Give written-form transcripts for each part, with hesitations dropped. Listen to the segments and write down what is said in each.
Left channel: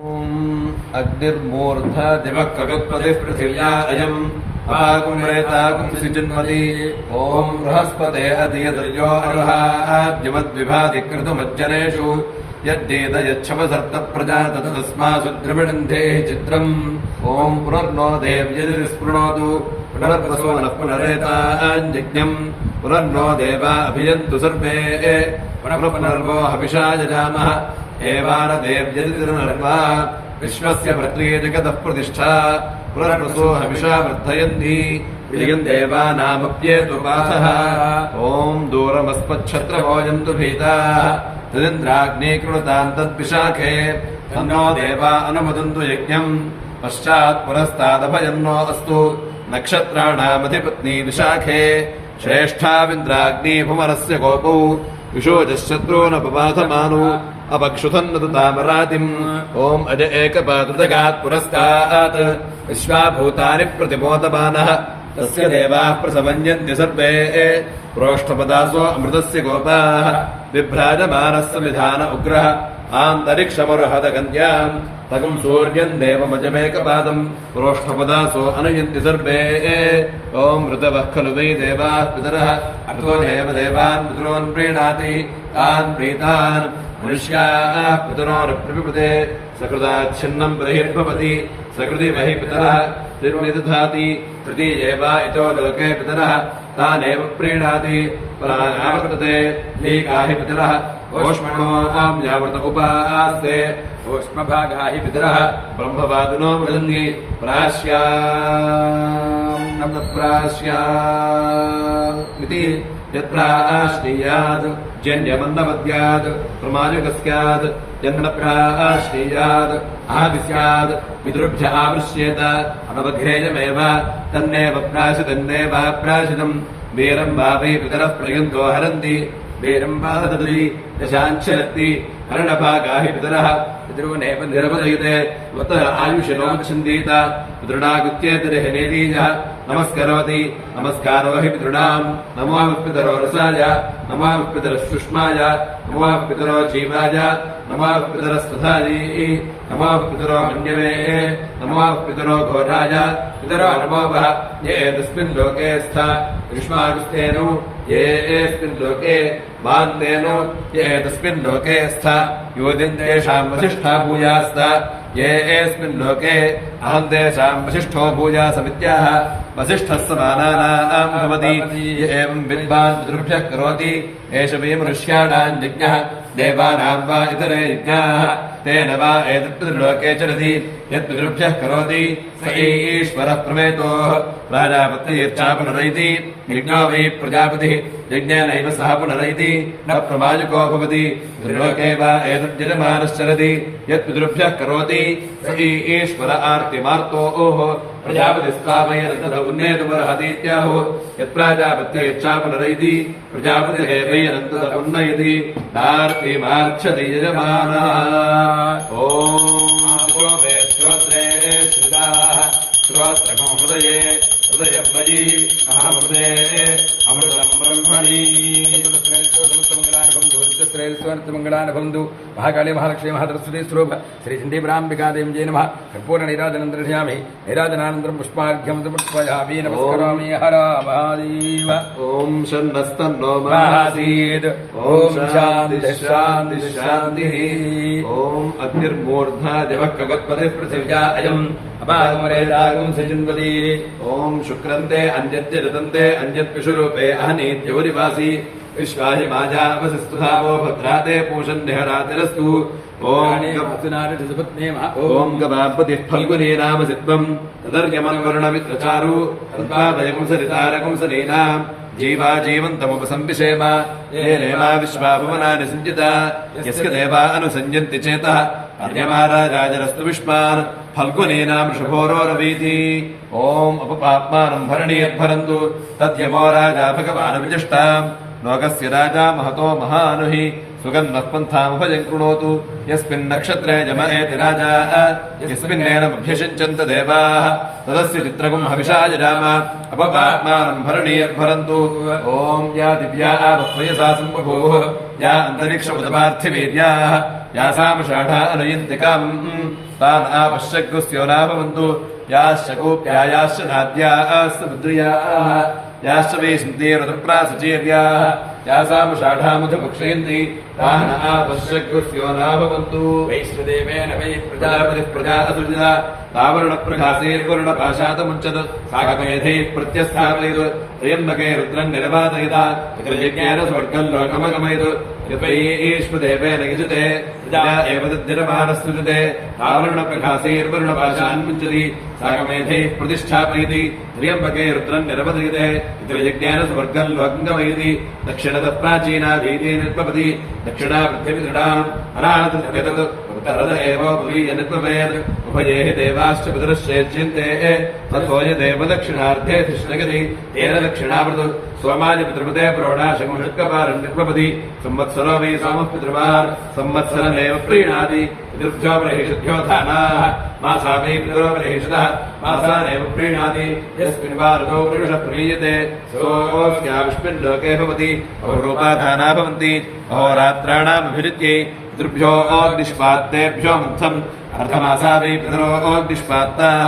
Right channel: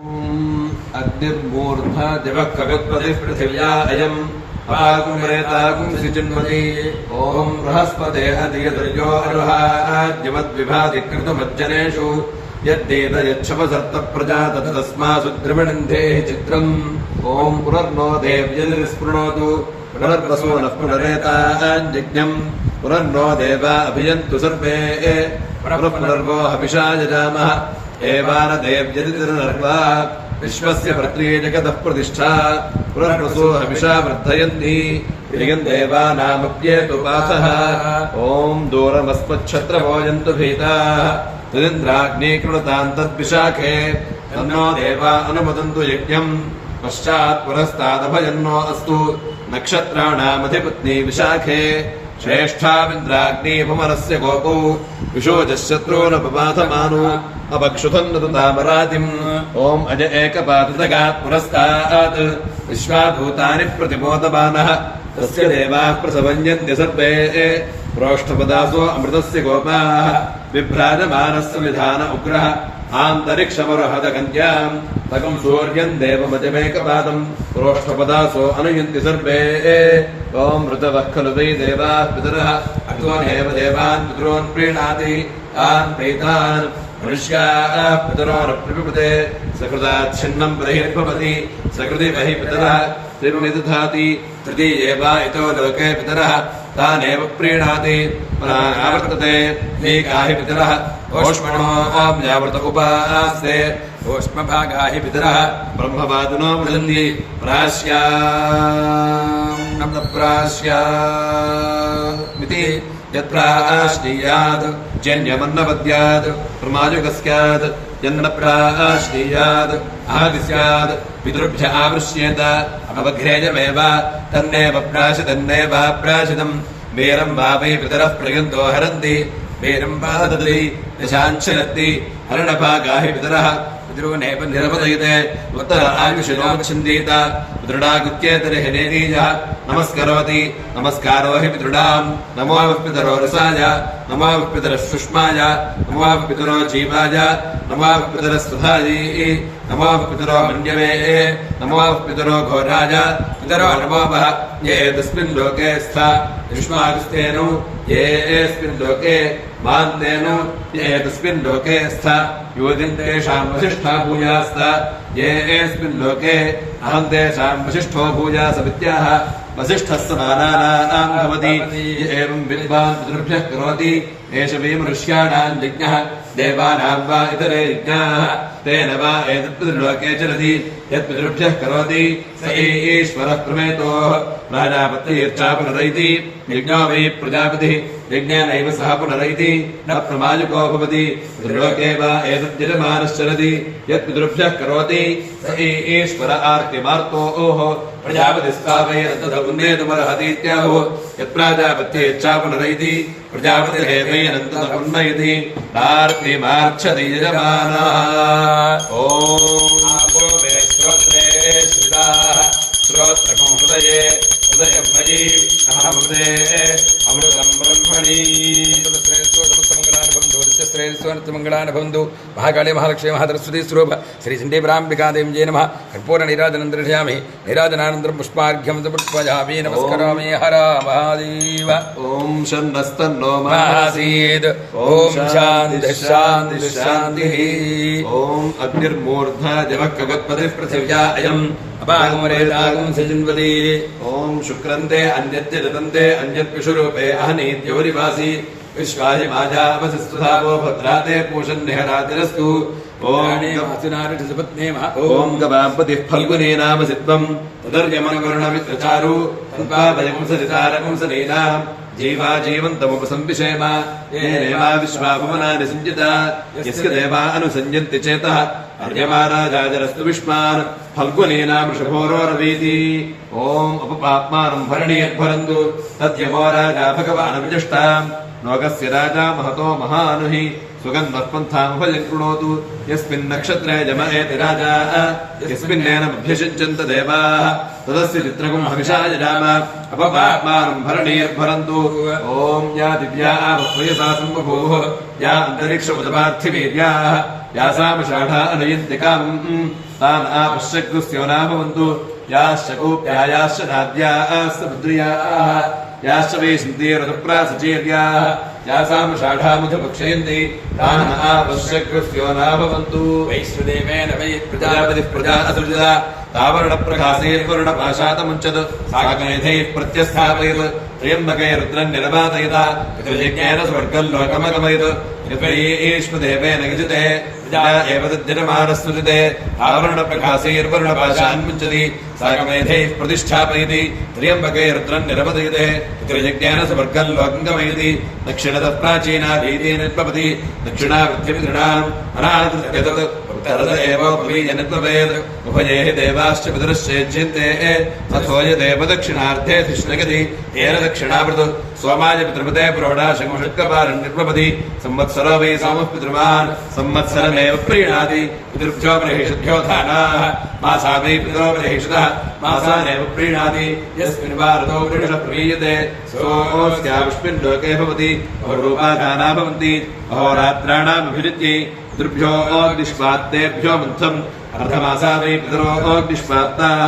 अग्निर्मूर्धा दिवः कवित्पतिः पृथिव्या अयम् अपाकुम्रेताकुं सिचिन्वति ॐ बृहस्पते अधियदर्यो अरुहाद्यमद्विभाधिकृतमज्जनेषु यद्देतयच्छपसर्तप्रजा तस्मासु द्रविणन्धेः चित्रम् ॐ पुनर्नो देव्यस्पृणोतु पुनर्वसो नः पुनरेताञ्जज्ञम् पुनर्नो देवा अभियन्तु सर्वे पुनर्वो हविषा यजामः एवारदेव्यतिर्नर्वा विश्वस्य पृथ्वी जगतः प्रतिष्ठा पुनर्वसो हविषा वर्धयन्ति प्रियम् देवानामप्येतु पासः ॐ दूरमस्मच्छत्रभोजन्तु भीताः तदिन्द्राग्ने कृणुताम् तद्विशाखे तन्नो देवा अनुमदन्तु यज्ञम् पश्चात् पुरस्तादभयन्नो अस्तु नक्षत्राणामधिपत्नी विशाखे श्रेष्ठाविन्द्राग्नीभुवनस्य गोपौ विशोजशत्रो न पबाधमानो अपक्षुधन्नु तामरातिम् ॐ अज एकपादुदगात् पुरस्तात् विश्वाभूतानि प्रतिबोधमानः तस्य देवाः प्रसमन्यन्ति सर्वे प्रोष्ठपदासो अमृतस्य गोपाः बिभ्राजमानः संविधान उग्रः आन्तरिक्षमर्हदकन्याम् तकम् सूर्यम् देवमजमेकपादम् प्रोष्ठपदासो अनुयन्ति सर्वे ॐ ऋतवः खलु वै देवाः पितरः अतो एव देवान् पितॄन् प्रीणाति तान् प्रीतान् मनुष्याः पितरोरप्रपिपते सकृदाच्छिन्नम् बहिर्भवति सकृति बहि पितरः त्रिन्निदधाति तृतीये वा इतो लोके पितरः तानेव प्रीणाति आवर्तते लीकाहि पितरः ओष्मणो यावर्त उपास्ते ओष्मभागा हि पितरः ब्रह्मवादिनो वदन्ति प्रास्यामिति यत्प्राश्नीयात् जन्यमन्नपद्यात् प्रमाजुकस्यात् यन्नप्राश्नीयात् आदि स्यात् पितृभ्य आवृष्येत अनवघ्रेयमेव तन्नेव प्राशितम् वीरम् वा वै पितरः प्रयन्तो हरन्ति वीरम् वा ददति दशाञ्चरन्ति हरणभागा हि पितरः पितॄनेव निरपदयते उत्तर आयुषिनोच्छन्दीत पितृडागुत्येतर्हिनीयः नमस्करोति नमस्कारो हि पितॄणाम् नमो पितरो रसाय नमो पितरः सुष्माय नमो पितरो जीवाय नमो पितरः सुधायै नमो पितरो मन्यवे नमो पितरो घोराय पितरो नमो वः ये तस्मिन् लोके स्था युष्मागस्तेनो ये एस्मिन् लोके मान्तेनो ये तस्मिन् लोके स्था योदिन्तेषाम् वसिष्ठा भूयास्त ये एस्मिन् लोके अहम् तेषाम् वसिष्ठो भूयासमित्याह वसिष्ठः समानानाम् भवति य एवम् विद्वान् पितृभ्यः करोति एष वयम् ऋष्याणाम् यज्ञः देवानाम् वा इतरे यज्ञाः तेन वा एतत्पितृलोके चलति यत्पितृभ्यः करोति स ईश्वरः प्रमेतोः प्राजापत्यैर्चा पुनरैति यज्ञो वै प्रजापतिः यज्ञेनैव सह पुनरैति न प्रमाजको भवति पितृलोके वा एतद्यजमानश्चरति यत्पितृभ्यः करोति स ईश्वर आर्तिमार्तोः प्रजापतिस्तावैरन्तुन्नयतुमर्हतीत्याहुः यत्प्राजापत्यैर्चा पुनरैति प्रजापतिरेवैरन्तुन्नयति नार्तिमार्च्छति यजमानः ॐ श्रोत्रे श्रिताः श्रोत्रकं हृदये हृदयमयी अहमृते अमृतं ब्रह्मणि मंगलानुभवन्तु महाकाली महालक्ष्मी महासरस्वती स्वरूप श्री चण्डीपराम्बिकादेवी जय नमः कर्पूर निराजनं दर्शयामि निराजनानन्तरं पुष्पार्घ्यं समर्पयामि नमस्करोमि हर महादेव ॐ शन्नस्तन्नो महासीत् ॐ शान्तिः शान्तिः शान्तिः ॐ अग्निर्मूर्धा दिवः खगत्पतिः पृथिव्या अयम् अपाकुम्रेताकुं सिचिन्वति ॐ शुक्रन्ते अन्यद्य रतन्ते अन्यत्पिषुरूपे अहनीत्योरिवासि विश्वाहि माजावसस्तुधावो भद्राते पूषन्निहरातिरस्तु ॐ गवापतिः फल्गुनी नाम सित्वम् तदर्यमनुवरुणमित्रचारु तद्वादयंसरितारकंसनीनाम् जीवा जीवन्तमुपसम्पिषेम येनेवा विश्वाभुवनानि सञ्जिता यस्य देवा अनुसञ्जन्ति चेतः अर्यमाराजाजरस्तु विष्मान् फल्गुनीनाम् शुभोरोरवीति ॐ उपपाप्मानम् भरणीयद्भरन्तु तद्यमो राजा भगवानविजष्टाम् लोकस्य राजा महतो महानुहि सुगन्धः पन्थामुपजम् कृणोतु यस्मिन् नक्षत्रे जम एति राजा यस्मिन्नेनमभ्यषिञ्चन्त देवाः तदस्य चित्रकम् हविषा जजाम अपपाप्मानम् भरणीयद्भरन्तु ॐ या दिव्या वयसा सम्बभूः या अन्तरिक्षमुदपार्थिवीर्याः यासाम् षाढा अनयन्ति कामम् तान् आपश्यग्रस्यो न भवन्तु याश्च गोप्यायाश्च नाद्याश्च पुत्र्याः याश्च वै सिन्धेरतप्रासचेर्याः यासाम् षाढामुध भक्षयन्ति तान् आपश्यग्रस्यो न भवन्तु वैश्वदेवेन वै प्रजापतिः प्रजा असृजता तावरणप्रकाशैर्वर्णपाशातमुच्यत साकमेधैः प्रत्यस्थापयत् त्र्यम्बके रुद्रम् निरपादयता यज्ञेन स्वर्गल्लोकमगमयत् ईश्वदेवेन गजते प्रजा एव तद्धिरमानस्तुजते आवरणप्रकाशैर्वर्णपाशान् मुञ्चति साकमेधैः प्रतिष्ठापयति त्र्यम्बके रुद्रम् निरपदयते यज्ञेन स्वर्गम् लोकमगमयति दक्षिणतः प्राचीना वीर्ये निष्पपति दक्षिणावृद्धिमिदृढाम् अनादृत्यतत् उत्तरत एव उपवीयनत्ववेद उभयेः देवाश्च पितरश्चेज्यन्ते तत्सोय देव दक्षिणार्धे तिष्ठगति तेन दक्षिणावृतो सोमाय पितृपते प्रौढाशङ्मुषत्कपारण्यप्रपति संवत्सरो वै सामुः पितृमान् संवत्सरमेव प्रीणाति पितृभ्यो बर्हिषद्भ्यो धानाः मासा वै पितरो बर्हिषदः मासानेव प्रीणाति यस्मिन् वा ऋतौ वृषः प्रीयते सोऽस्याविष्मिन् लोके भवति अहोरूपाधाना भवन्ति अहोरात्राणामभिरुच्यै पितृभ्यो अग्निष्पात्तेभ्यो मुग्धम् अर्धमासा वै पितरो अग्निष्पात्ताः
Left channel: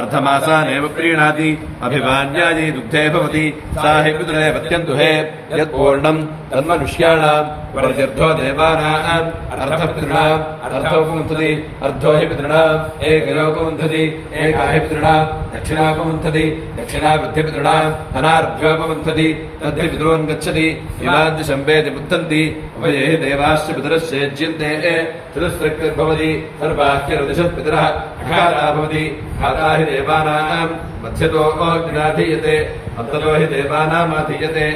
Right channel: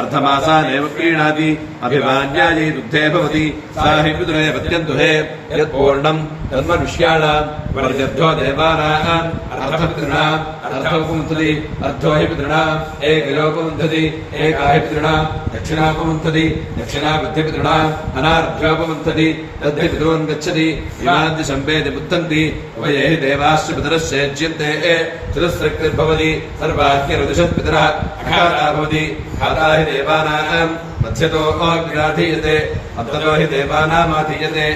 अर्धमासानेव प्रीणाति अभिवान्यायै दुग्धे भवति सा हि पितरे पत्यन्तुहे यत्पूर्णम् तन्मनुष्याणाम् वर्जभ्यो देवानाम् अर्धपितॄणाम् अर्धोपमुन्थति अर्धो हि पितॄणाम् एकयोपमुन्थति एका हि पितॄणाम् दक्षिणापमुन्थति दक्षिणाबुद्धिपितॄणाम् अनार्भ्योपमुन्थति तद्धि पितॄन् गच्छति इमाद्यशम्पेति बुद्धन्ति उभये हि देवाश्च पितरश्चेज्यन्ते चतुस्रक्तिर्भवति सर्वाह्यरुदिशः पितरः अघाता भवति घाता हि देवानाम् मध्यतो अग्निराधीयते अन्ततो हि देवानामाधीयते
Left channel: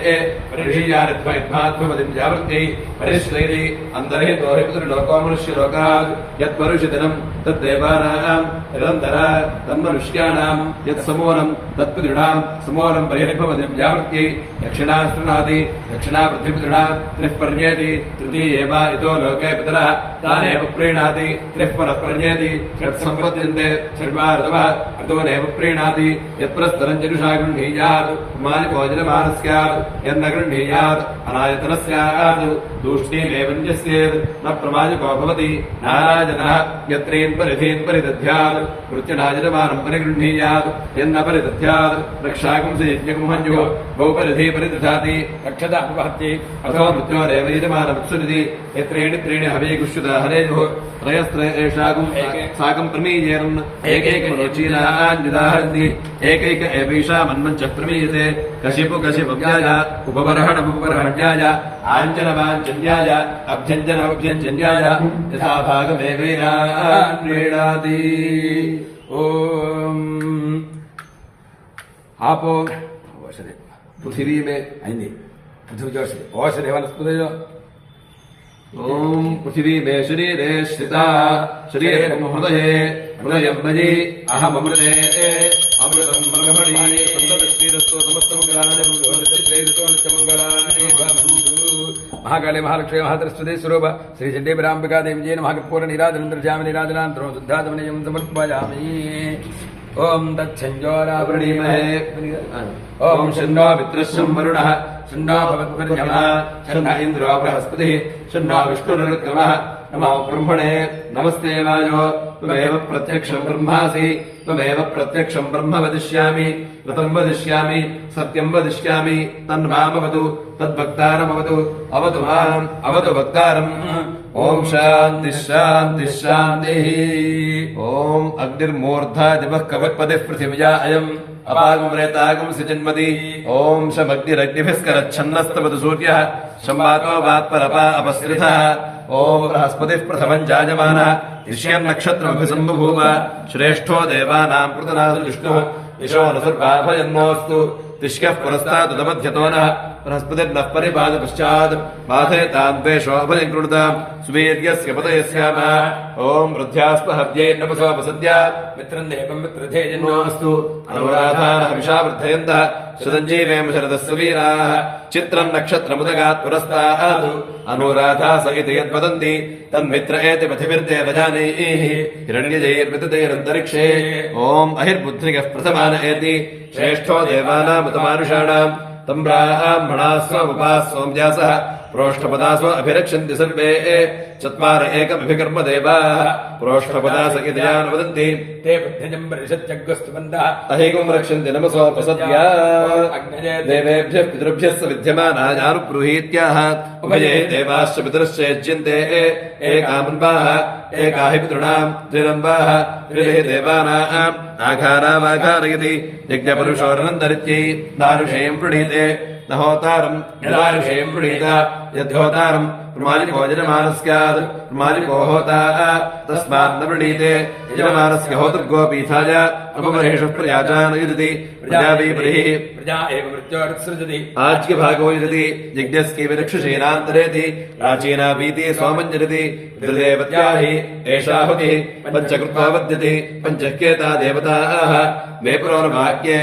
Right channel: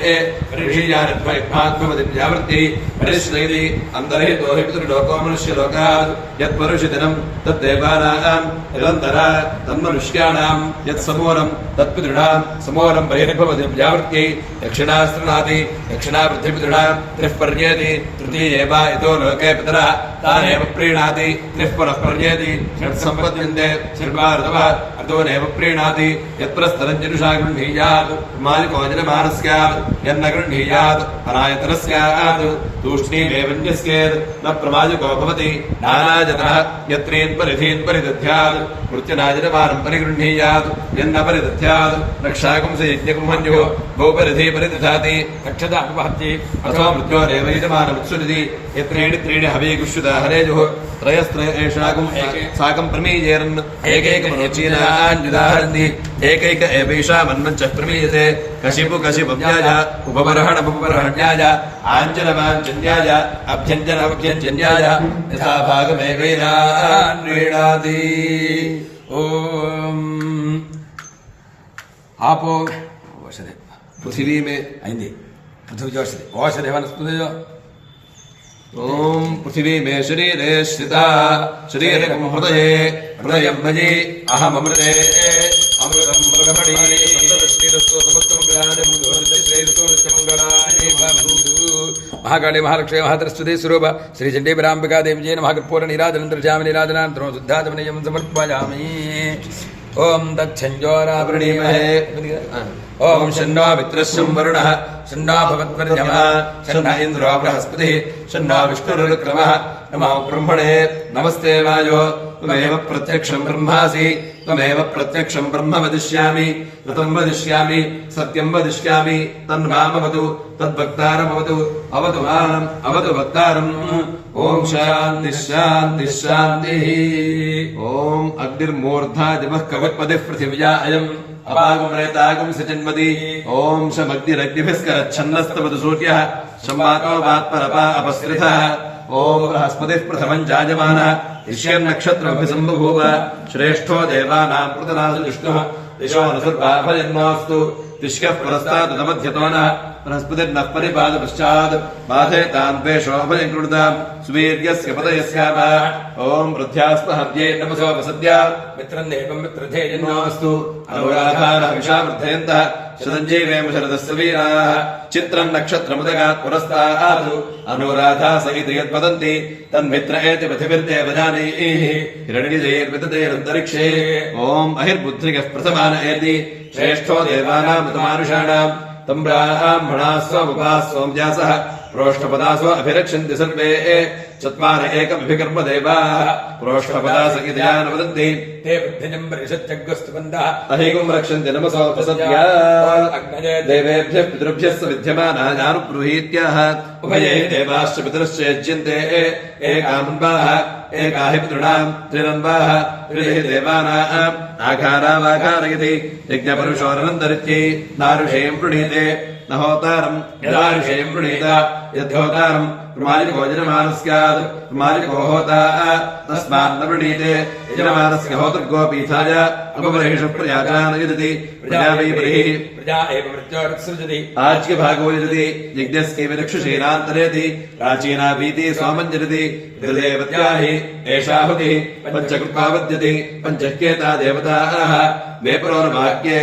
ऋषीयानिर्भयभ्यात्मवति व्यावृत्यै परिश्लैरि अन्तर्हितो हि पितृलोको मनुष्यलोकात् यत्मनुष्यदिनम् तद्देवानाम् यदन्तरा तन्मनुष्याणाम् यत्समूलम् तत्पितॄणाम् समूलम् बहिर्भवति व्यावृत्यै दक्षिणास्तृणाति दक्षिणावृद्धिपितॄणाम् त्रिः पर्येति तृतीये वा इतो लोके पितरः तानेव प्रीणाति त्रिः परः पर्येति षट्सम्पद्यन्ते सर्वा ऋतवः ऋतवनेव प्रीणाति यत्प्रस्तरम् जनुषा गृह्णीयात् मालिकोजनमानस्यात् यन्न गृह्णीयात् अनायतनस्यात् तूष्णीमेवन्यस्येत् न प्रमाजिको भवति नानाजनः यत्रेन् परिधीन् परिदध्यात् कृत्यनाजनमानम् परिगृह्णीयात् यन्न परिदध्यात् रक्षाकुंसि यज्ञकुंहन्युः बहुपरिधि परिदधाति रक्षतामुपहत्ति अथवा मृत्योरेव यजमानमुत्सुरति यत्रेणि त्रीणि हवीकुष्युता हरेजुः त्रयस्त्रयेषाकुम् साकम् प्रमीयेरन् एकैकमनोचीनान्युदाहरन्ति एकैक एवैषा मन्मञ्च प्रमीयते कशिपु कशिपुन्याय उपबर्हणमुपबर्हण्याय आञ्चलवाञ्चन्याय अभ्यञ्जनमभ्यञ्जन्याय यथा भागमेवैनान्वीणाति ॐ आपो औषधे पृथिवी में अయింది पृथ्वी औषधे औषधे वनस्पतयो ओम पृथिवी में शरीरे स्थिता शरीरं हृदये हृदयं मयि अहममृते अमृतं ब्रह्मणि सन्ततश्रीरस्तो समस्तमङ्गलानि नित्यमङ्गलानि भवन्तु महाकाली महालक्ष्मी महातरस्वती स्वरूप श्री चण्डीपराम्बिका देवी जय नमः पूर्ण निराजनन्तर्जामि निराजनान्तरो शुद्धात्मनियं समर्पयामि ओम दक्षञ्जोरावृणीमहे ओम शन्नो मित्रस्यं वरुणः शन्नो भवत्पर्यमः शन्न इन्द्रो बृहस्पतिः शन्नो विष्णुरुक्रमः नमो ब्रह्मणे नमस्ते वायो त्वमेव प्रत्यक्षं ब्रह्मासि त्वमेव प्रत्यक्षं ब्रह्म वदिष्यामि ऋतं वदिष्यामि सत्यं वदिष्यामि तन्मामवतु तद्वक्तारमवतु अवतु माम् अवतु वक्तारम् ओम शान्ति शान्ति शान्तिः ओम अग्निर्मूर्धा दिवः कवत्पतिः पृथिव्या अयम् अपागमरेतागम् सिजन्मति ओम शमग्निरग्निभिस्करच्छन्नस्तवतु सूर्यः संवातो वात्परपा अपस्कृतः ओम बृहस्पतिः प्रथमम् जायमानः ऋष्यम् नक्षत्रमभिसम्बभूव श्रेष्ठो देवानाम् कृतनाथ विष्णुः दिशो न सर्वाभयन्नोऽस्तु तिष्कः परस्तादुदमध्यतो नः बृहस्पतिर्नः परिपादपश्चात् बाधेतान्वेषोऽभयम् कृणुताम् सुवीर्यस्य पतयस्यामः ओम वृद्ध्यास्पहव्यैर्नमसोपसद्या मित्रम् देवम् मित्रधेयन्नोऽस्तु अनुराधानः विषावृद्धयन्तः शतञ्जीवेम शरदस्य वीराः चित्रम् नक्षत्रमुदगात् पुरस्तात् अनुराधा सहित यद्वदन्ति तन्मित्र एति पथिभिर्देवजानैः हिरण्यजैर्विदतैरन्तरिक्षे ओम अहिर्बुद्धिकः प्रथमान एति श्रेष्ठो देवानाम् तमानुषाणाम् तम् ब्राह्मणाः स्वमुपाः सोमव्यासः प्रोष्ठपदासो अभिरक्षन्ति सर्वे चत्वार एकमभिकर्म देवाः प्रोष्ठपदासकितया न वदन्ति ते बुद्धिजम् परिषत्यग्वस्तुबन्धः तहैकम् रक्षन्ति नमसोपसत्या देवेभ्यः पितृभ्यः स विद्यमानायानुगृहीत्याह उभये देवाश्च पितरश्च यज्यन्ते एकामन्वाः एका हि पितॄणाम् त्रिरन्वाः त्रिः देवानाम् आघारामाघारयति यज्ञपरुषोरनन्दरित्यै दारुषेयम् प्रणीते न होतारम् यदारुषेयम् प्रणीत यद्होतारम् प्रमाजिको यजमानस्यात् प्रमाजिको होता तस्मात् न प्रणीते यजमानस्य होतृगोपीठाय अपमरहेषु प्रयाजान यजति प्रजा वै बलिः प्रजा एव मृत्योरुत्सृजति आज्यभागो यजति यज्ञस्यैव रक्षुषीणान्तरेति प्राचीना भीति सोमञ्जरति देवत्या हि एषाहुतिः पञ्चकृत्वा वद्यते पञ्चह्येता देवताः मे पुरोर्वाक्ये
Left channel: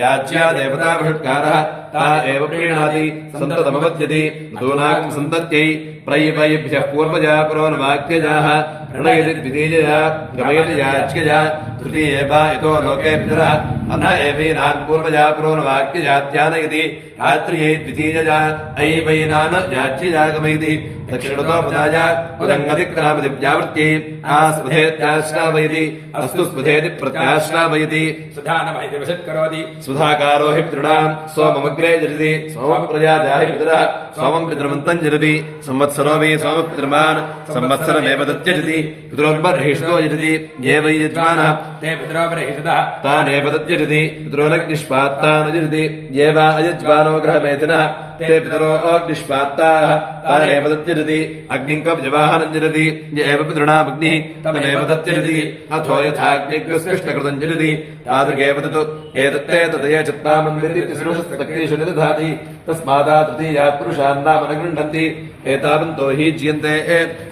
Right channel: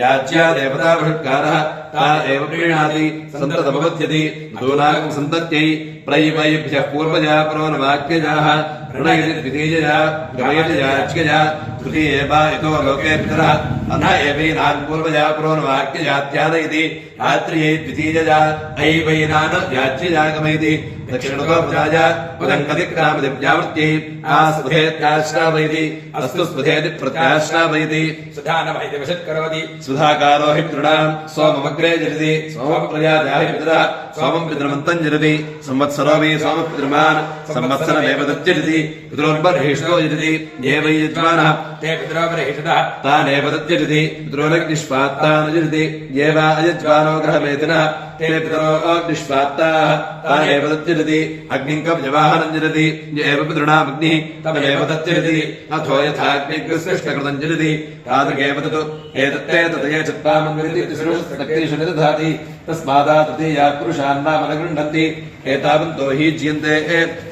याज्या देवता बृहत्कारः ता एव प्रीणाति सन्ततमवद्यति दूनाकम् सन्तत्यै प्रयभ्यः पूर्वजा पुरोर्वाक्यजाः प्रणयति द्वितीयजा गमयति याज्ञजा तृतीये वा यतो लोके पितरः अथ एवैनान् पूर्वजा पुरोर्वाक्यजात्यानयति रात्र्यै द्वितीयजा ऐवैनान् याज्ञजा गमयति दक्षिणतो प्रजाया उदङ्गतिक्रामति व्यावृत्यै आस्पधेत्याश्रावयति अस्तु स्पधेति प्रत्याश्रावयति सुधानमैति वशत्करोति सुधाकारो हि पितॄणाम् सोममग्रे जरति सोमप्रजाया हि पितरः सोमम् पितृमन्तम् जरति संवत्सरो वै सोमपितृमान् संवत्सरमेव दत्यजति पितरोर्बर्हिषो यजति ये वै यजमानः ते पितरोर्बर्हिषतः तानेव दत्यजति पितरोरग्निष्पात्तान् यजति ये वा अयज्मानो ग्रहमेधिनः ते पितरो अग्निष्पात्ताः तानेव दत्यजति अग्निम् कव्यवाहनम् जरति य एव पितॄणामग्निः तमेव दत्यजति अथो यथाग्निग्रस्कृष्टकृतम् जरति तादृगेव तत् एतत्ते तदये चत्वामन्विति तिसृशस्तक्तिषु निदधाति तस्मादा तृतीयात् पुरुषान्नाम न गृह्णन्ति एतावन्तो हि जीयन्ते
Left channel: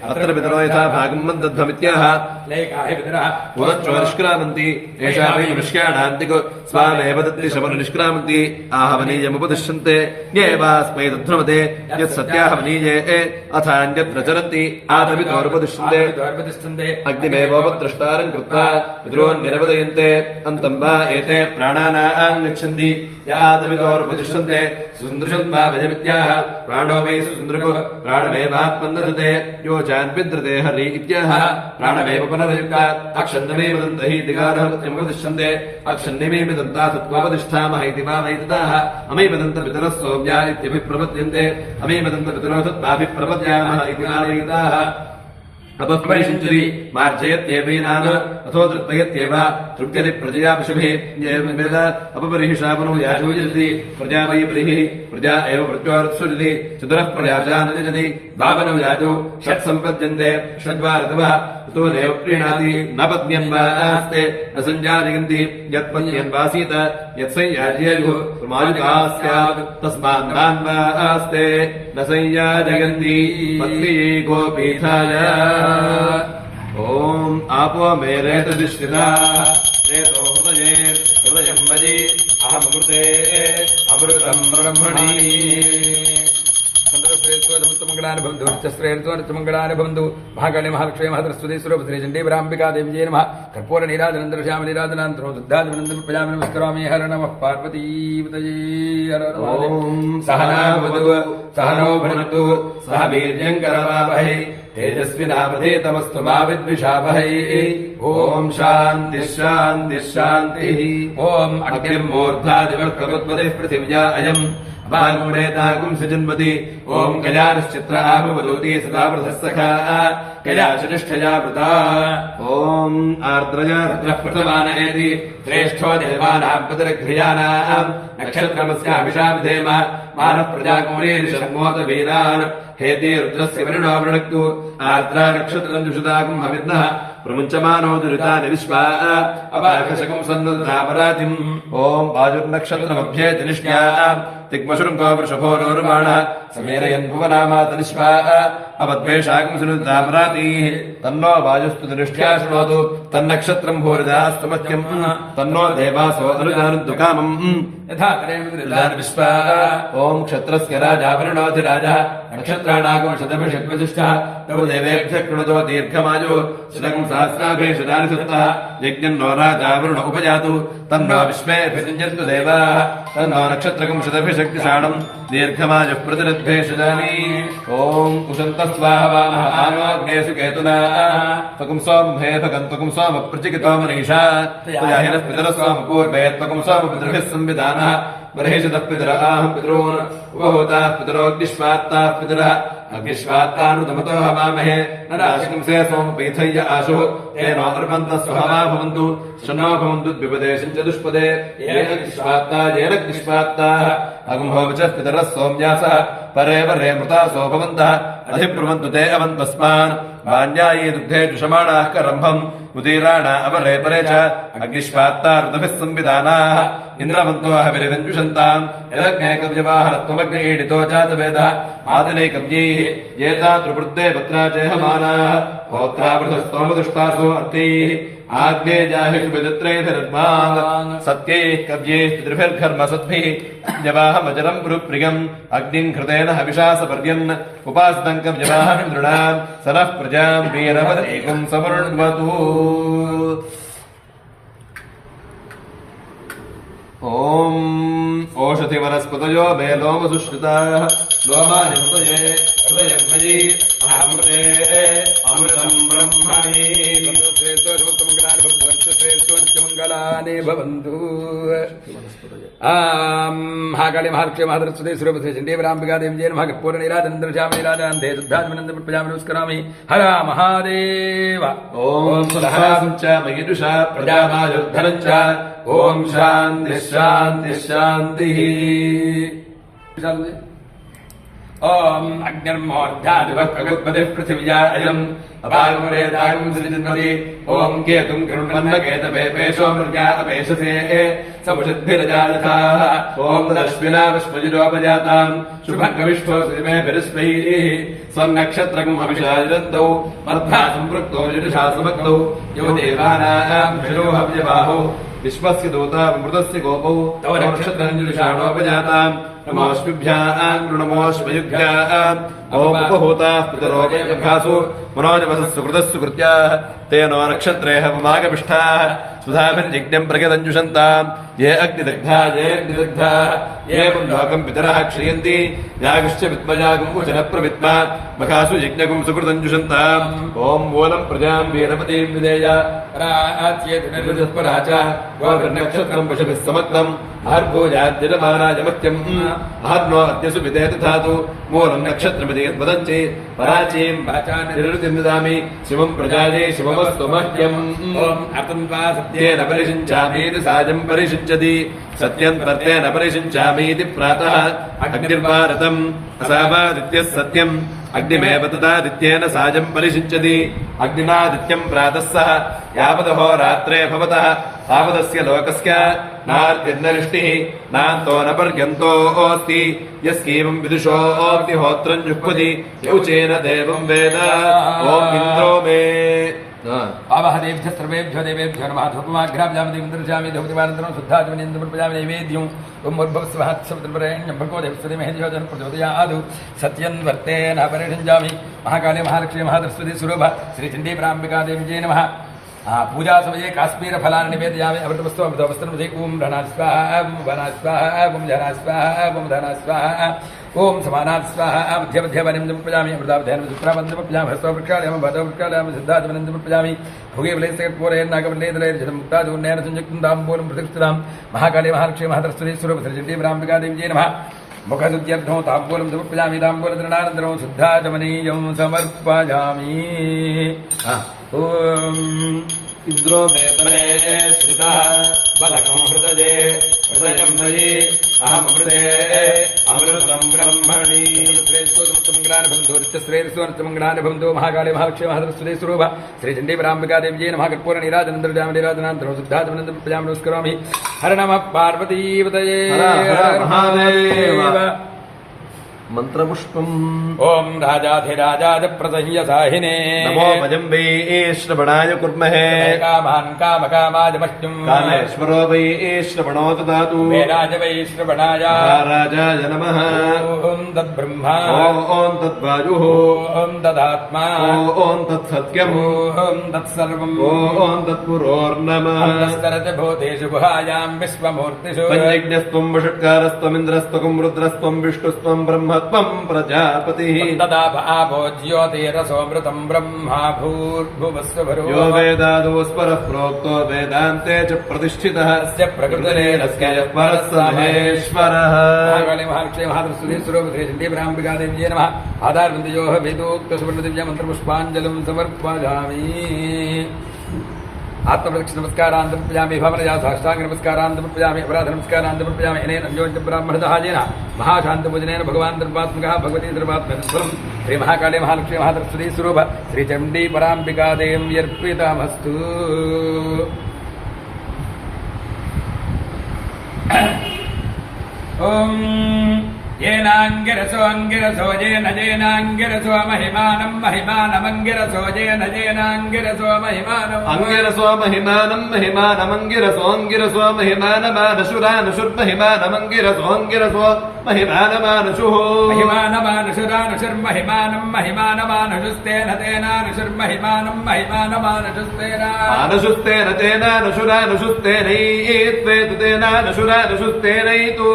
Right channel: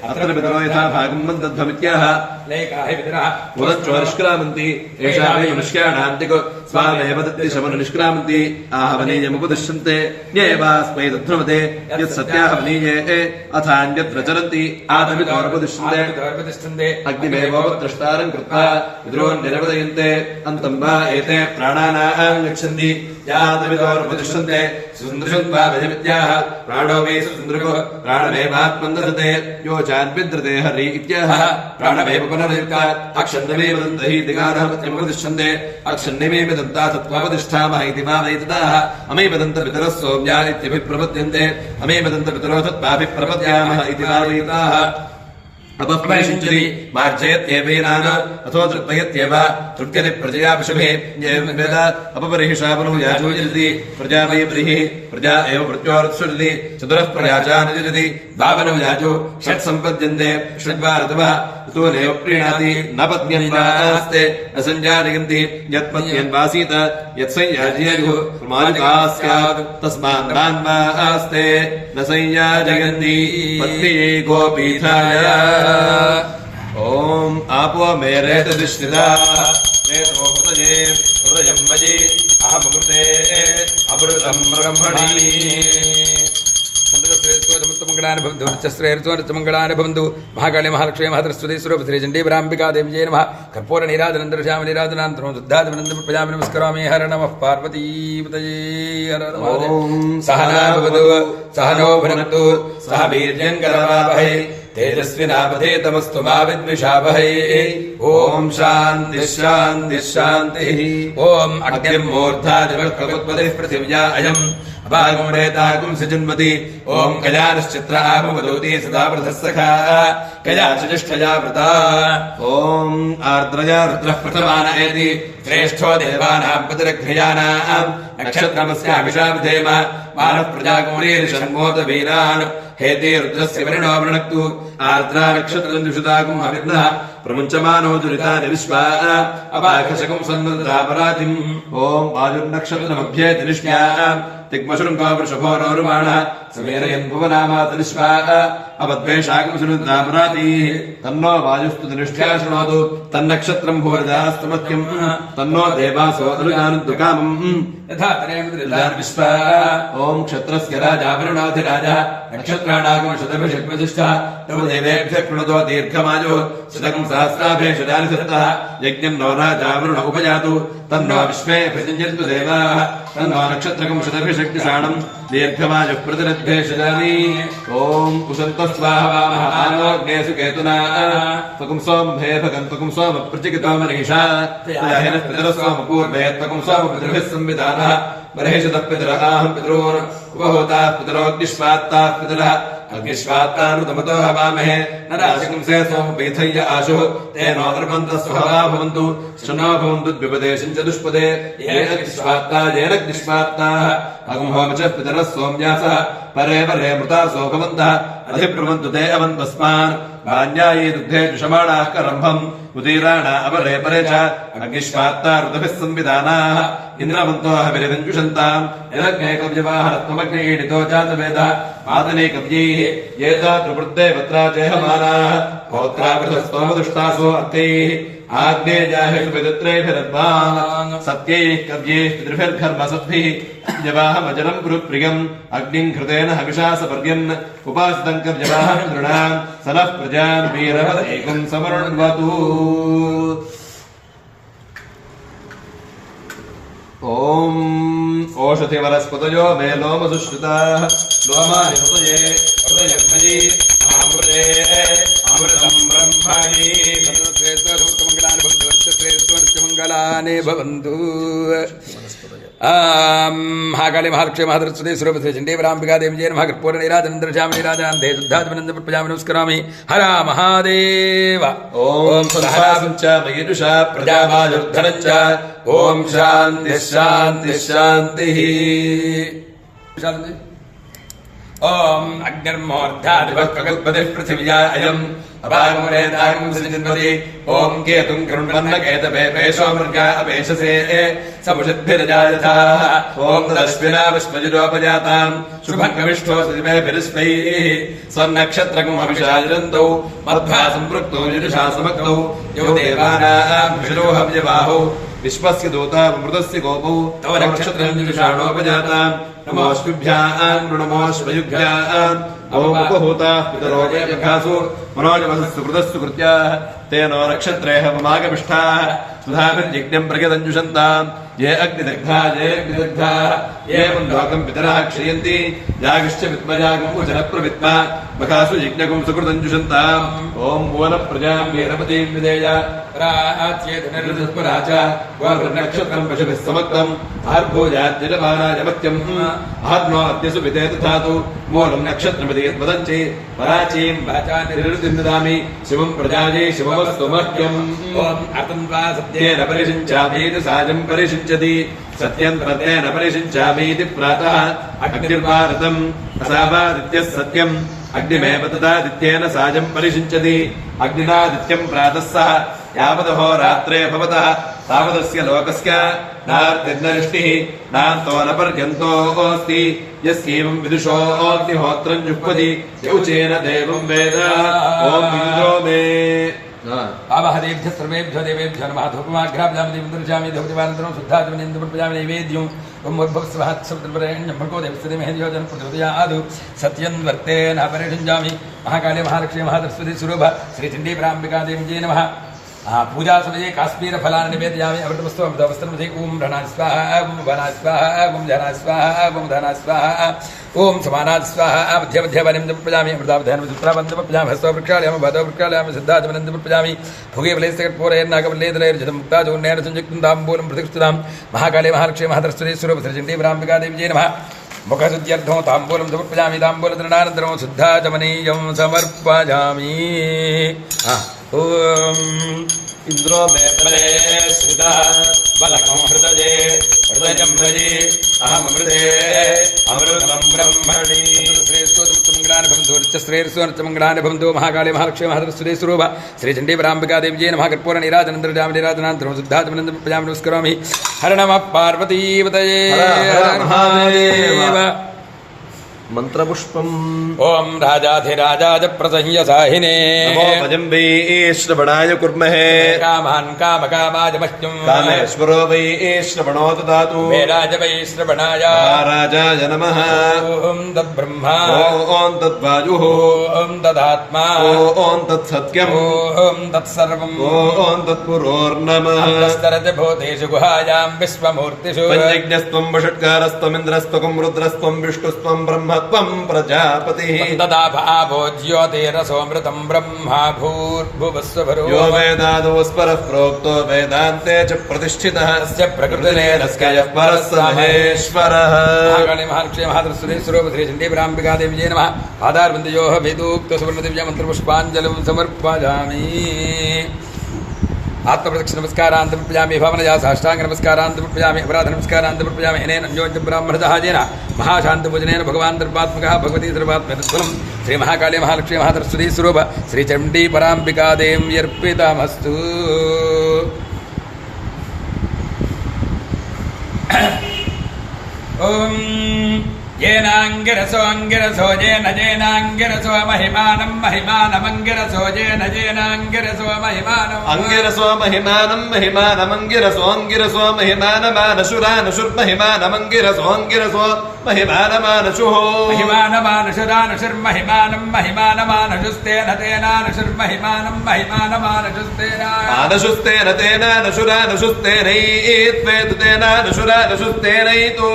अत्र पितरो यथा भागम् मन्दध्वमित्याह लेका हि पितरः पुरश्च निष्क्रामन्ति एषा वै निष्क्राणान्तिको स्वामेव दत्ति शमन निष्क्रामन्ति आहवनीयमुपदिश्यन्ते न्येवास्मै दध्नुमते यत् सत्याहवनीये अथान्यत्र चरन्ति आतमितोरुपदिश्यन्ते अग्निमेवोपद्रष्टारम् कृत्वा पितॄन्निरवदयन्ते अन्तम् वा एते प्राणानाम् गच्छन्ति यातमितोरुपदिश्यन्ते सुन्दृशन् वा विजमित्याह प्राणो वै सुन्दृको प्राणमेवात्मन्दते यो चान्विद्रते हरि इत्याह प्राणमेव पुनर्युक्ता अक्षन्नमे वदन्त हि दिगारहमत्यमुपदिश्यन्ते अक्षन्निमे वदन्ता तत्त्वापतिष्ठामः इति भावयितदाः अमे वदन्त पितरः सौम्या इत्यभिप्रपद्यन्ते अमे वदन्त पितरो तत्त्वाभिप्रपद्यामः इति भावयिताः अपप्रविशन्ति मार्जयत्येवैनान् अथो तृप्तयत्येव तृप्यते प्रजया पशुभिः एवं वेद अपपरिहिषा पुनः यजति प्रजा वै बलिः प्रजा एव मृत्योरुत्सृजति चतुरः प्रयाजान् यजति भावनो याजो षट् सम्पद्यन्ते षड्वा ऋतवः ऋतूनेव प्रीणाति न पद्यन्वास्ते न सञ्जानयन्ति यत्पद्यन्वासीत यत्संयाजयेयुः प्रमाणिका स्यात् तस्मात् तान्वास्ते न संयाजयन्ति पत्न्यै गोपीठाय ओम आपो मेरेतदिश्रिता रेतो हृदये हृदयं मयि अहमृते अमृतं ब्रह्मणि मंगलानुभवन्तु महाकाली महालक्ष्मी महातरस्वती स्वरूप श्री चंडी ब्राह्मिका देवी जय नमः कर्पूर निराजनंतर श्याम निराजनान्तरं शुद्धात्मनंदं प्रजापतिं नमस्करामि हर नमः पार्वतीपतये हर महादेव सहना भवतु सहनो भुनक्तु सह वीर्यं करवावहै तेजस्विनावधेतमस्तु मा विद्विषावहै ओम शान्ति शान्ति शान्तिः ओम अग्निर्मूर्धादिवक्त्रवत्पतिः पृथिव्या अयम् अपारमूरेतागुं सजन्मति ओम कल्याणश्चित्र आमवदूति सदा वृधः सखा कयाचनिष्ठया वृता ओम आर्द्रया रुद्रः प्रथमानयति श्रेष्ठो देवानां पतिरघ्रियाणाम् नक्षत्रमस्याभिषाविधेम मानः प्रजाकुमरीर्षण्मोत वीरान् हेते रुद्रस्य वरुणो वृणक्तु आर्द्रा नक्षत्रं दुषुतागुं हविर्नः प्रमुञ्चमानो दुरितानि विश्वा अपाकशकं सन्नुदापरातिम् ओम वायुर्नक्षत्रमभ्येति निष्ठ्या तिग्मशृङ्गो वृषभो रोरुमाणः समेरयन् भुवनामातनिष्वा अपद्वेषाकं सन्नुदापरातिः तन्नो वायुस्तु निष्ठ्या शृणोतु तन्नक्षत्रं भूरिदास्तमत्यम् तन्नो देवासो अनुगानुद्कामम् यथा तरेन्द्रदान विश्वा ओम क्षत्रस्य राजा वरुणोऽधिराजः नक्षत्राणागं शतभिषग्वजिष्ठः तव देवेभ्यः कृणतो दीर्घमायुः शतकं सहस्राभेषु दानिसुतः यज्ञं नो राजा वरुण उपजातु तन्नो विश्वेऽभिषिञ्जन्तु देवाः तन्नो नक्षत्रकं शतभिषक्तिशाणं दीर्घमायुः प्रतिरद्भेषजानि ॐ कुशन्तः स्वाहा आनोऽग्नेषु केतुना त्वकं सोमभे भगं त्वकं सोमप्रचिकितो मनीषा तयाहिनः पितरः सोमपूर्वे त्वकं सोमपितृभिः संविधानः बर्हिषतः पितराहं पितॄन् उपहूताः पितरोऽग्निष्वात्ताः पितरः अग्निष्वात्तानुतमतो हवामहे न राशिकंसे सोमपीथय्य आशुः तेनो अर्पन्तः सुहवा भवन्तु शन्नो भवन्तु द्विपदे चतुष्पदे येन अग्निष्वात्ता येन अग्निष्वात्ताः अगुंहोवचः पितरः सोम्यासः परे परे मृतासो भवन्तः अधिब्रुवन्तु ते अवन्तस्मान् वाण्यायी दुग्धे जुषमाणाः करम्भम् उदीराणा अपरे परे च अग्निष्वात्ता ऋतभिः संविधानाः इन्द्रवन्तो हविरञ्जुषन्ताम् यलग्ने कव्यवाहनत्वमग्नेडितो जातवेदः आदिनैकव्यैः ये तातृवृत्ते पत्रा चेहमानाः होत्रावृतस्तोमदुष्टासो अर्थैः आग्नेयाहिषु विदत्रैभिरद्वान् सत्यैः कव्यैः पितृभिर्घर्मसद्भिः यवाहमजलम् गुरुप्रियम् अग्निम् घृतेन हविषा सपर्यन् उपासितम् कव्यवाहम् नृणाम् सनः प्रजान् वीरवदेकम् समृण्वतु ॐ ओषधिवनस्पतयो मे लोमसुश्रुताः लोमाय हृदये हृदयमयि महामृते अमृतम् ब्रह्मणि मंगलानि भवन्तु महाकाली महालक्ष्मी महाधरस्वती सुरभद्रे चण्डीवराम्बिका देवी जय नमः कर्पूरनीराजनन्द्रश्यामनीराजान्ते शुद्धात्मनन्दप्रजामिनं स्मरामि हर महादेव ॐ सहरासं च मयिजुषा प्रजावायुर्धनं च ॐ शान्तिः शान्तिः शान्तिः ओम अग्निर्मोर्धादिवक्कगुत्पतिः पृथिव्या अयम् अपागमनेतागं सृजन्वति ओम केतुं करुण्वन्नकेतवे पेशो मृगा अपेशसे समुषद्भिरजायथाः ओम दश्विना विश्वजुरोपजाताम् शुभङ्गविष्ठो सदिमेभिरिष्टैः स्वनक्षत्रकम् अभिषाजन्तौ मध्वा सम्पृक्तो युजुषा समक्तौ यो देवानां भिषोहव्यवाहो विश्वस्य दूता मृतस्य गोपौ तव नक्षत्रं जुषाणोपजाताम् नमोऽस्मिभ्याम् नमोऽस्मयुभ्याम् अमोपहूताः पितरो जयभ्यासु मनोजवसस्य कृतस्य कृत्याः तेनो नक्षत्रेह ममागमिष्ठाः सुधाभिर्यज्ञम् प्रगदञ्जुषन्ताम् ये अग्निदग्धा ये अग्निदग्धा ये पुण्डोकम् पितरः क्षयन्ति यागश्च विद्मयागम् वचनप्रविद्मा मखासु यज्ञकम् सुकृतञ्जुषन्ताम् ॐ मूलम् प्रजाम् वीरपतीम् विदेय राच्येतुनिर्दस्परा च गोभिर्नक्षत्रम् पशुभिः समक्तम् आर्गोजाद्यजमानाजमत्यम् आर्नो अद्यसु विदे तथातु मूलनक्षत्रमिति यद्वदञ्चि पराचीम् वाचानिर्वृतिम् ददामि शिवम् प्रजाये शिवमस्तु मह्यम् अतन्त्वा सत्येन परिषिञ्चामीति साजम् परिषिञ्चति सत्यम् प्रत्येन परिषिञ्चामीति प्रातः अग्निर्वारतम् असावादित्यः सत्यम् अग्निमेव तदादित्येन साजम् परिषिञ्चति अग्निनादित्यम् प्रातः सह यावदहो रात्रे भवतः तावदस्य लोकस्य नार्तिर्नरिष्टिः नान्तो न पर्यन्तोऽस्ति यस्कीमम् विदुषोऽग्निहोत्रम् जुह्वति यौचेन देवम् वेद ॐ इन्द्रो मे पावहदेभ्यः सर्वेभ्यो देवेभ्यो नमः धूपमाघ्राभ्यामि दर्शयामि धूपदिवानन्तरं शुद्धात्मनेन्द्रप्रजामि नैवेद्यम् उर्भवस्वहत्समुद्रपरेण्यं भर्गो देवस्य धीमहि धियो जनः प्रचोदयात् सत्यं वर्तेन परिषञ्जामि महाकाले महालक्ष्मी महाधरस्वती स्वरूप श्रीचण्डीवराम्बिका देवी नमः पूजा समये काश्मीर फलानि निवेदयामि अमृतमस्तु अमृतवस्त्रं ओम धना स्वाहा ओम वना स्वाहा ओम धना स्वाहा ओम धना स्वाहा ओम समानात् स्वाहा मध्य मध्य वनं प्रजामि अमृतावधानं दुत्रावन्तं प्रजामि हस्तवृक्षालयं वादवृक्षालयं सिद्धात्मनं प्रजामि भुगे वलेस्तकटपोरे नागवल्लेदलेर्जतं मुक्ताजोन्नेन संयुक्तं ताम्बूलं प्रतिष्ठितां महाकाले महालक्ष्मी महाधरस्वती स्वरूप श्रीचण्डीवराम्बिका देवी नमः मुखशुद्ध्यर्थं ताम्बूलं समर्पयामि ताम्बूलधरणानन्तरं शुद्धाचमनीयं समर्पयामि ओम इन्द्रो मे परे स्थितः बलकं हृदये हृदयं मयि अहमृते अमृतं ब्रह्मणि श्रेयस्वमङ्गलानि भवन्तु महाकाले महालक्ष्मी महाधरस्वती स्वरूप श्रीचण्डीवराम्बिका देवी नमः कर्पूरनीराजनन्द्रजामनीराजनान्तरं शुद्धात्मनन्दप्रजामि नमस्करोमि हर नमः पार्वतीपतये हर महादेव మంత్రపుష్పం. ఓం రాజాధిరాజాయ ప్రసహ్యసాహినే నమో భజం వై శ్రవణాయ కుర్మహే. కామాన్ కామకామాయ మహ్యం కామేశ్వరో వై శ్రవణో దదాతు. వేరాజ వై శ్రవణాయ మహారాజాయ నమః. ఓం తద్బ్రహ్మా ఓం తద్వాయుః. ఓం తదాత్మా ఓం తత్సత్యం. ఓం తత్సర్వం ఓం తత్పురోర్నమః. అంతస్తరజ భూతేషు గుహాయాం విశ్వమూర్తిషు పంచజ్ఞస్త్వం వషట్కారస్త్వం ఇంద్రస్త్వం రుద్రస్త్వం విష్ణుస్త్వం బ్రహ్మత్వం ప్రజాపతిః. తదాభో జ్యోతిరసోమృతం బ్రహ్మా భూర్భువస్సుభరో యో వేదాదోస్పరః ప్రోక్తో వేదాంతే చ ప్రతిష్ఠితః. తస్య ప్రకృతిరే తస్య పరః స మహేశ్వరः. మహాకాళీ మహాలక్ష్మీ మహాదృశ్వదేశ్వరో శ్రీ చండీపరాంబికాదేవి జయ నమః. ఆధార్బిందయోః వేదోక్త సువర్ణదివ్య మంత్రపుష్పాంజలిం సమర్పయామి. ఆత్మప్రదక్షిణ నమస్కారాన్ సమర్పయామి. భవనయా సాష్టాంగ నమస్కారాన్ సమర్పయామి. అపరాధ నమస్కారాన్ సమర్పయామి. అనేన జ్యోతి బ్రాహ్మణదహాజేన మహాశాంతభోజనేన భగవాన్ దర్భాత్మకः భగవతీ దర్భాత్మకస్వరం శ్రీ మహాకాళీ మహాలక్ష్మీ మహాసరస్వతీ స్వరూప శ్రీ చండీపరాంబికాదేవ్యర్పితమస్తు. ఓం येनाङ्गिरसोऽङ्गिरसो येन जेनाङ्गिरसो महिमानं महिमानमङ्गिरसो येन जेनाङ्गिरसो महिमानम् अंगिरसो महिमानं महिमानमङ्गिरसोऽङ्गिरसो महिमानमानशुरानशुर्महिमानमङ्गिरसोऽङ्गिरसो महिमानमानशुः महिमानमानशुरानशुर्महिमानं महिमानमानशुस्तेन तेनानशुर्महिमानं महिमानमानशुस्तेन आनशुस्तेन तेनानशुरानशुस्तेनैत्वेतु तेनानशुरानशुस्तेनैतु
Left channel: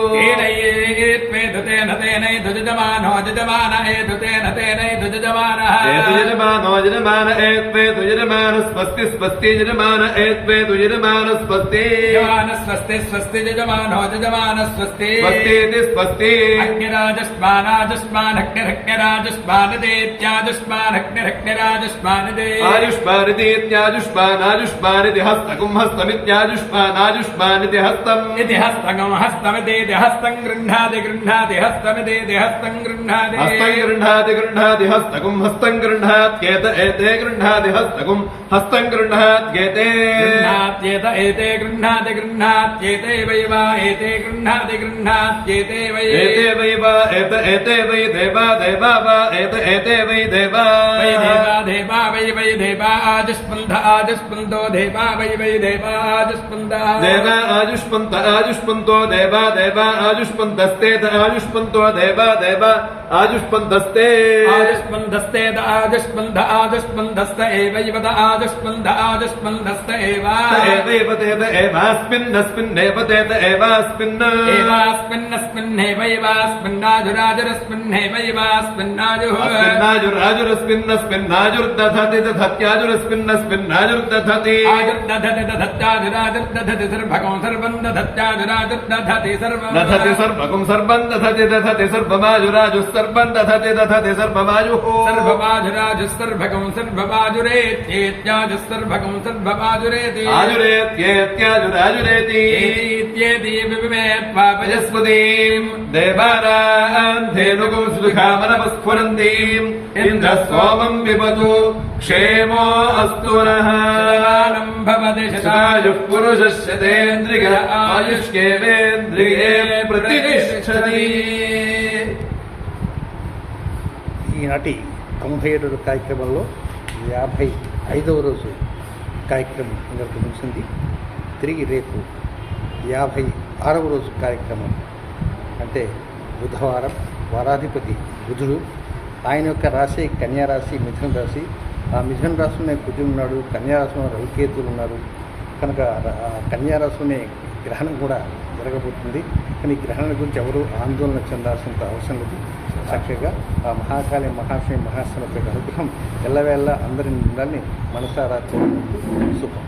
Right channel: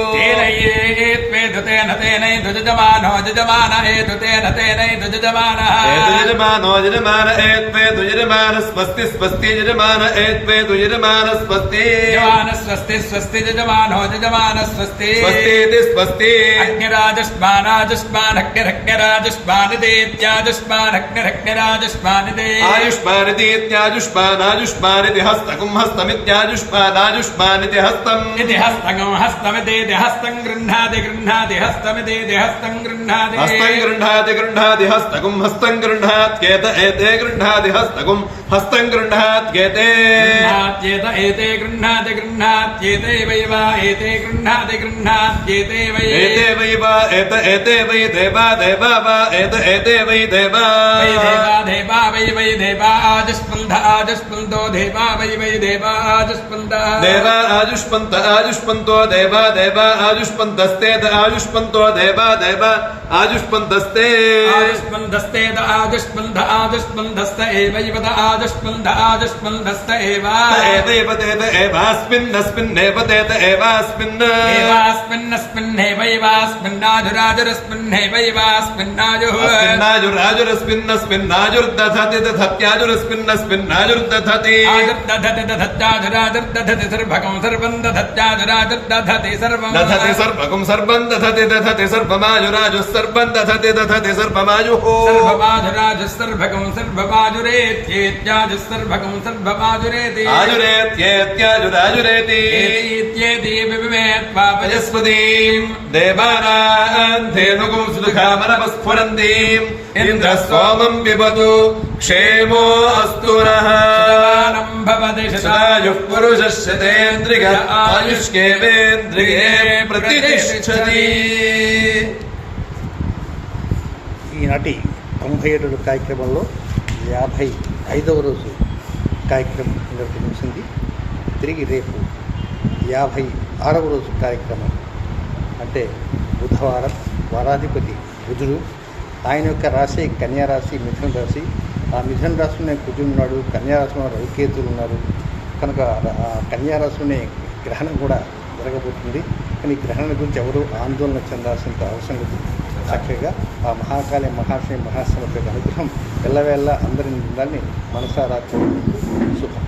तेन तेनैतु यजमानो यजमान एतु तेन तेनैतु यजमानः एतु यजमानो यजमान एत्वेतु यजमान स्वस्ति स्वस्ति यजमान एत्वेतु यजमान स्वस्ति यजमान स्वस्ति स्वस्ति यजमानो यजमान स्वस्ति स्वस्तीति स्वस्ति अग्निराजुष्मानाजुष्मानग्निरग्निराजुष्मानिदेत्याजुष्मानग्निरग्निराजुष्मानिदे आयुष्मानितीत्याजुष्मानाजुष्मानिति हस्तकं हस्तमित्याजुष्मानाजुष्मानिति हस्तम् इति हस्तकं हस्तमिदेति हस्तं गृह्णाति गृह्णाति हस्तमिदेति हस्तं गृह्णाति हस्तं गृह्णाति गृह्णाति हस्तकं हस्तं गृह्णात्येत एते गृह्णाति हस्तकं हस्तं गृह्णात्येते गृह्णात्येत एते गृह्णाति गृह्णात्येते वै वा एते गृह्णाति गृह्णात्येते वै एते वै वा एते वै देवा देवा वा एते वै देवा वै देवा देवा वै देवा आजुष्पन्ध आजुष्पन्तो देवा वै देवा आजुष्पन्द देवा आजुष्पन्त आजुष्पन्तो देवा देवा आजुष्पन्तस्तेत आजुष्पन्तो देवा देवा आजुष्पन्तस्ते आजुष्पन्दस्तेद आजुष्पन्द आजुष्पन्दस्त एवैव आजुष्पन्द आजुष्पन्दस्त एव एवैव तेत एवास्मिन्नस्मिन्नेव तेत एवास्मिन् एवास्मिन्नस्मिन्नेवैवास्मिन्नेवैवास्मिन्नाजुः नाजुराजुरस्मिन्नस्मिन्नाजुर्दधति दधत्याजुरस्मिन्नस्मिन्नाजुर्दधति आजुर्दधति दधत्याजुराजुर्दधति सर्वकं सर्वं दधत्याजुराजुर्दधति सर्वं दधति सर्वकं सर्वं दधति दधति सर्वमाजुराजुः सर्वं दधति दधति सर्वमाजुः सर्वमाजुराजुः सर्वकं सर्वमाजुरेत्येत्याजुः सर्वकं सर्वमाजुरेति आजुरेत्येत्याजुराजुरेति एतीत्येति विविमेत्वापजस्पतिम् देवानाम् धेनुगुं सुदुःखामनपस्फुरन्तीम् इन्द्रः सोमम् पिबतु क्षेमो अस्तु नः भवति शतायुः पुरुषः शतेन्द्रिय आयुष्केवेन्द्रिये प्रतिष्ठति. ఈనాటి 97వ కార్యక్రమంలో 55వ రోజు కార్యక్రమం ఇంతకు ముగిసింది. తిరిగి రేపు 56వ రోజు కార్యక్రమం అంటే బుధవారం. వారాధిపతి బుధుడు, ఆయన యొక్క రాశి కన్యారాశి, మిథున రాశి. ఆ మిథున రాశిలోనే కుజుడు ఉన్నాడు, కన్యారాశిలో రవికేతులు ఉన్నారు. కనుక కన్యారాశిలోనే గ్రహణం కూడా జరగబోతుంది. కానీ గ్రహణం గురించి ఎవరు ఆందోళన చెందాల్సినంత అవసరం లేదు. చక్కగా ఆ మహాకాళి మహాశయ మహాసనత అనుగ్రహం ఎల్లవేళ అందరి ఉండాలని మనసారా కోరుకుంటూ శుభం.